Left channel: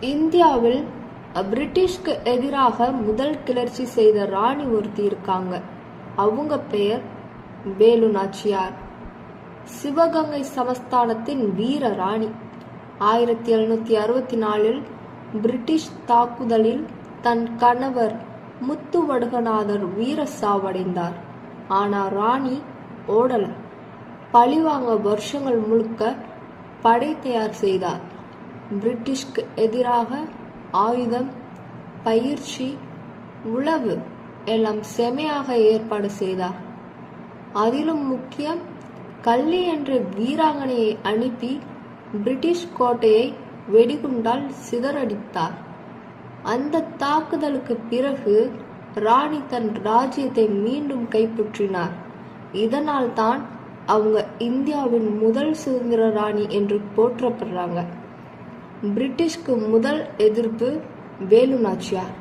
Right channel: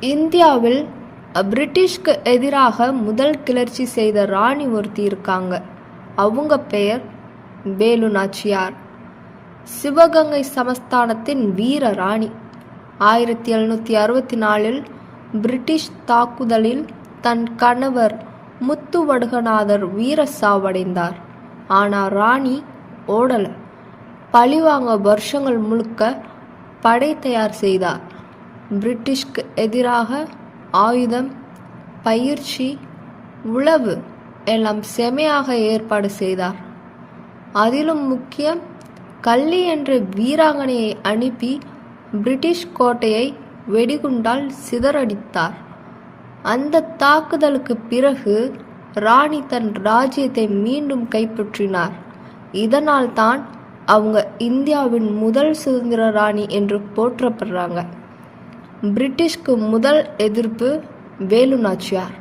இந்தியாவில் பிரிட்டிஷ்க்கு எதிராக முதல் கிளர்ச்சி செய்த ராணி ஒருத்தி இருக்காங்க. அவங்க பெயர் வேலு நாச்சியார். சிவகங்கை சமஸ்தானத்தின் வீர ராணி. 1764 பிரிட்டிஷ் தாக்குதலில் தன் கணவர் முத்துவடுகநாதர் வீர சாவடைந்தார். ஆனால் ராணி ஓடல. பழிவாங்க வருஷங்கள் முழுக்க படை தயார் செய்தார். பிரிட்டிஷ்க்கு எதிராக ஆயுதம், பயிற்சி, உளவு எல்லாம் செமையாக ஏற்பாடு செய்தார். அதிலும் முக்கியம், கள்ளி என்ற வீராங்கனையை அனுப்பி பிரிட்டிஷ் கோட்டையை வெடிகுண்டால் சிதறடித்தார். அந்த தாக்குதலுக்கு பிறகு ராணி தன் ராஜ்யத்தை மீண்டும் கைப்பற்றினார். இதனால் தான் அவங்க இந்தியாவின் முதல் சுதந்திர ராணி என்று போற்றப்படுறாங்க. பிரிட்டிஷ்க்கு முதல் எதிர்ப்பு வேலு நாச்சியார்.